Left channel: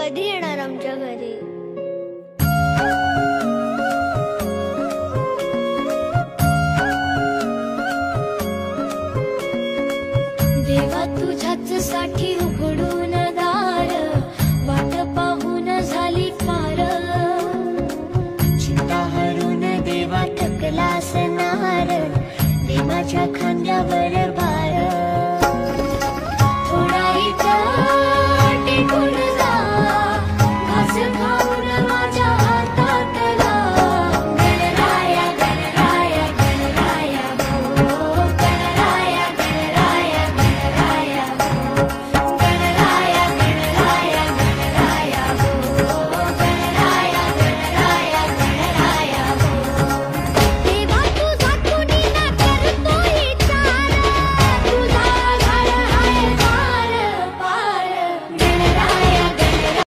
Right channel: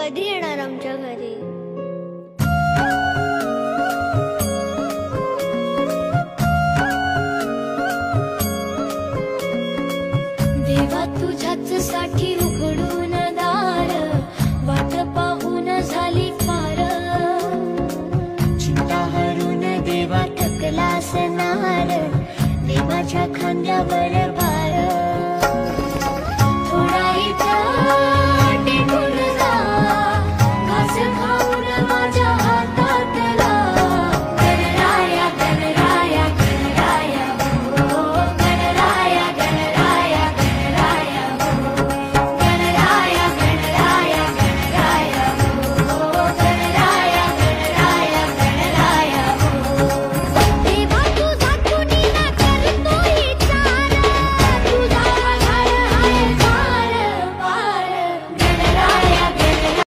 कधी येणार आमच्या घरी? देवा तुझ्याच साठी उघडून दार, वाट पाहून झाली फार। चिंता हरून देवा थकलास नार, दे माझ्या खांद्यावर भार। थोडा इथं टेकून जा